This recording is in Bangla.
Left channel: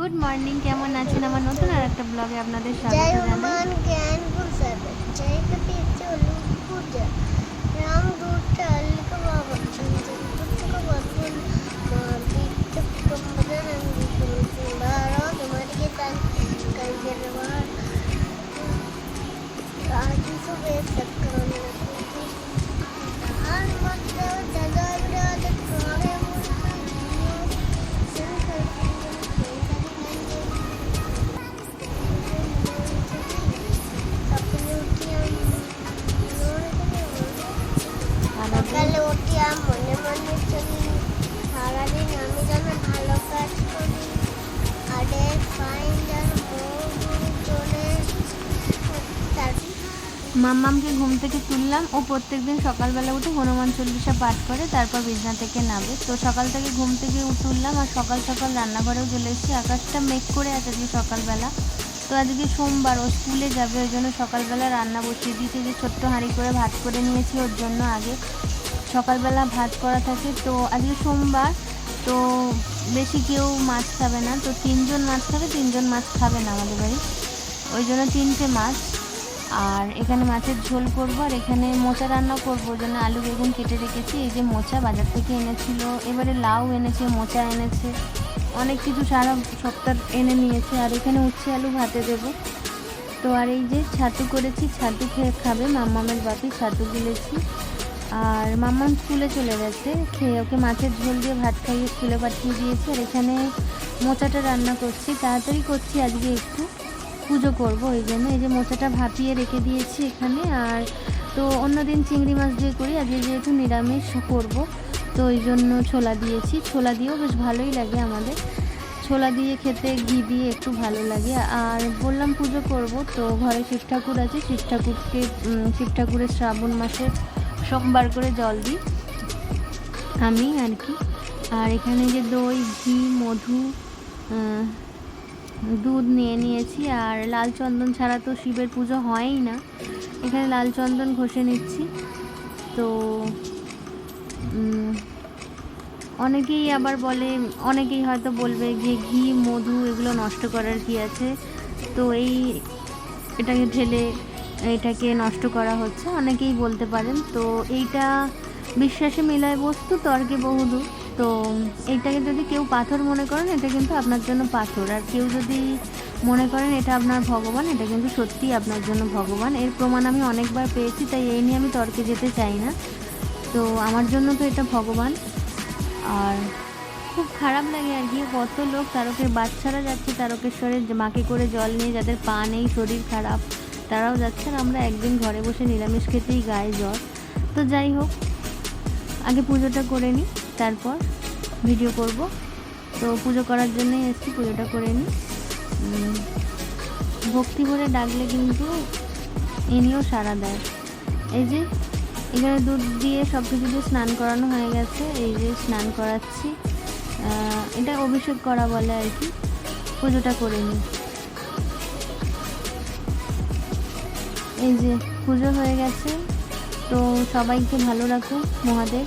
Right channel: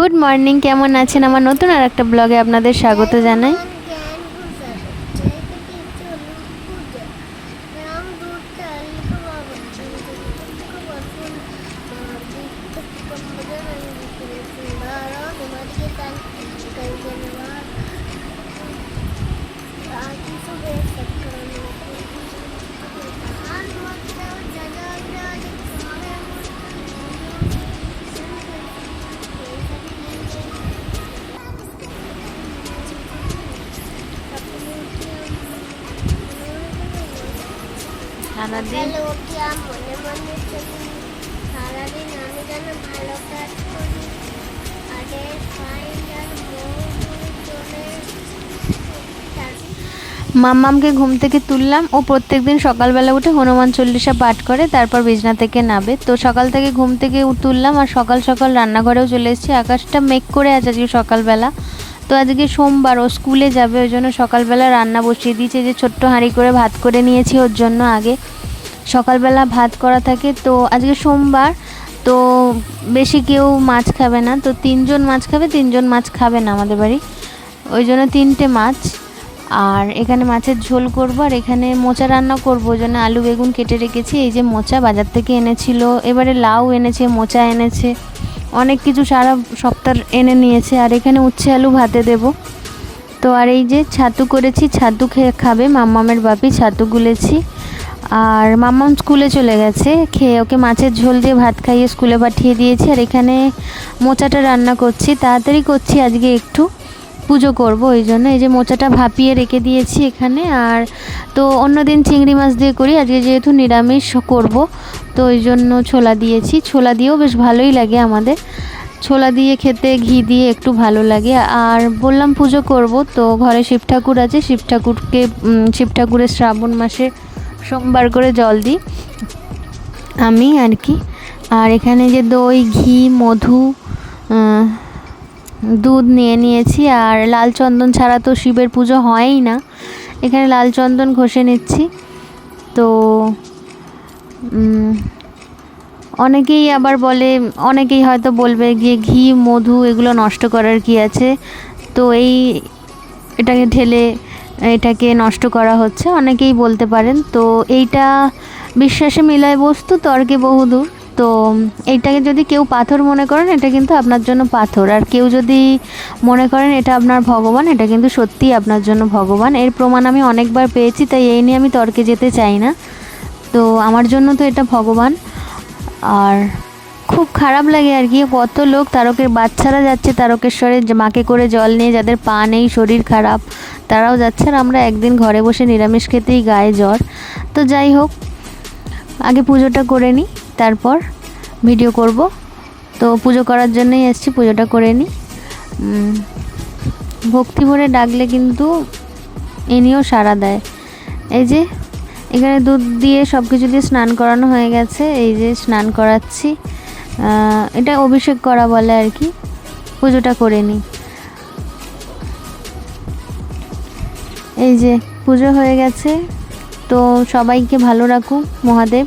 গুড মর্নিং কেমন আছেন? আমার নতুন আর একটা ব্লগে আপনাদের স্বাগত জানাই। জ্ঞান পূজা। সারাদিন? সকালে মনে মনে চলি সারাদিন আমি যেন ভালো কাজ করি। আরে ফাইন আর মৌরি চলে মাম্মামকে ঘুম থেকে তুললাম। ও প্রত্যেকদিন সকালবেলা উঠে হনুমান চল্লিশা পাঠ করে তারপর বিছনা থেকে নাবে তো সকাল থেকে ঘুম থেকে তুললাম আর সকাল সকাল রান্নাঘরেও চলে এসেছি। আকাশটা মেঘ করে আছে আজকে সকালবেলা। তো আজকে সোমবার, ও স্কুলে যাবে, ওই জন্য সকালবেলা রান্না বসিয়ে দিয়েছে যে ছোট্ট হাঁড়ি করে ভাত করে নিয়েছি ওর জন্য আগে। সকালবেলা ভাত করা থাকে, তো আজকে সোমবার, তো বেশি কেউ মাছ খাবে না, তো তিনজন মাছ খাবে, তিনজন মাছ খাবে না আমাদের বাড়ি। ওই জন্য তিনটে মাছ, আর এখানে মাছের ঝোল করব, আর এখানে মোচা রান্না করব, ওই জন্য আলু বেগুন কেটে রেখেছি, এই যে মোচা বাজার থেকে এনেছিল, এবারে লাউ এনেছে, মোচা এনেছে। অনেক কিছু সারা সপ্তাহ এনে নিয়েছে, আর এখানে উচ্ছে আলু ভাতে দেব। তো আর এই যে ছাতু করেছি, ছাতু খেয়ে খাবে মাম্মামের বাপি, ছাতু গুলেছি। আর মাম্মাম স্কুলে চলে গেছে, খেয়ে ওকে মাছের ঝোল দিয়ে ভাত খাইয়ে স্কুলে পাঠিয়ে দিয়েছি। আর এখানে মোচাটা রান্না করছি, তাড়াতাড়ি করছি আজকে একটু। পুজো করব, ওই জন্য এই যে মোচাটা ভাপিয়ে রেখে দিয়েছি এখানে। আর তো অন্যদিন চিংড়ি মাছ দিয়ে করি, আজকে যেহেতু নিরামিষ করব, তো ওই জন্য ছোলা দিয়েছি। ছোলা দিয়েও বেশ ভালোই লাগে আমাদের। ছোলা দিয়ে খেতে ঘি দিয়ে একটু ভালো লাগে। আর বললাম পুজো করব, তো ঘরে শিব ঠাকুর আছে, শিব ঠাকুরকে শিব ঠাকুরের শ্রাবণ মাসে সোমবার করে জল দিই। আমি আর কি। আর এখানে যে দই, ঘি, মধু দুধ নিয়ে নিয়েছি আর লাল চন্দন ছাড়া তো শিবের পুজো হয়ই না। এখানে লাল চন্দন ঘষে নিচ্ছি। তো অনেকেই আবার বলে, অনেকেই হয়তো বলবে যে ঘি, মধু এগুলো নষ্ট করার কি আছে? তো এই এটাকে ঢেলে এটাকে নষ্ট করা হচ্ছে। অনেকেই বলতে পারেন। তো এইটা বিশ্বাসে মিলায় বস্তু, তর্কে বহুদূর। তো এইটাকে যদি কেউ পাথর মনে করেন, এটা কিন্তু আপনার জন্য পাথর। আর কেউ যদি মনে করেন এটা আপনার ভগবান, এটা কিন্তু সত্যিই আপনার জন্য ভগবান। এর প্রমাণ আমি অনেকবার পেয়েছি, তাই এই নিয়ে আমি তর্কে যেতে চাই না। তো আমার জন্য তো এটা ভগবান। আর খুব খারাপ লাগে আর কি, কত লোক তারকের বাচ্চারা যাচ্ছে তারকেশ্বরে মাকে করে জল নিয়ে, যাদের পা নেই, শরীর খারাপ, তারাও যাচ্ছে। আর আমরা একদিন ঘরে বসে নিরামিষ খেতেই গায়ে জ্বর। তো যাই হোক, আগে পুজোটা করে নিই। তারপর ভিডিও করব। তো পুজো করার জন্যই এসছি, পুজোটা করে নিই ভক্তি ভরে ডাকলে কিন্তু ইনিও সাড়া দেয়। এই যে, এখানে দুধ দিয়ে সব কিছু দিয়ে স্নান করানো হয়ে গেছে। এই যে স্নান করাচ্ছি। এটা অভিষেক করা বলে আর কি। পুজোটা করে নিই এই যে, পুজো হয়ে গেছে। তো সবাইকে ভালো রাখুন, মহাদেব।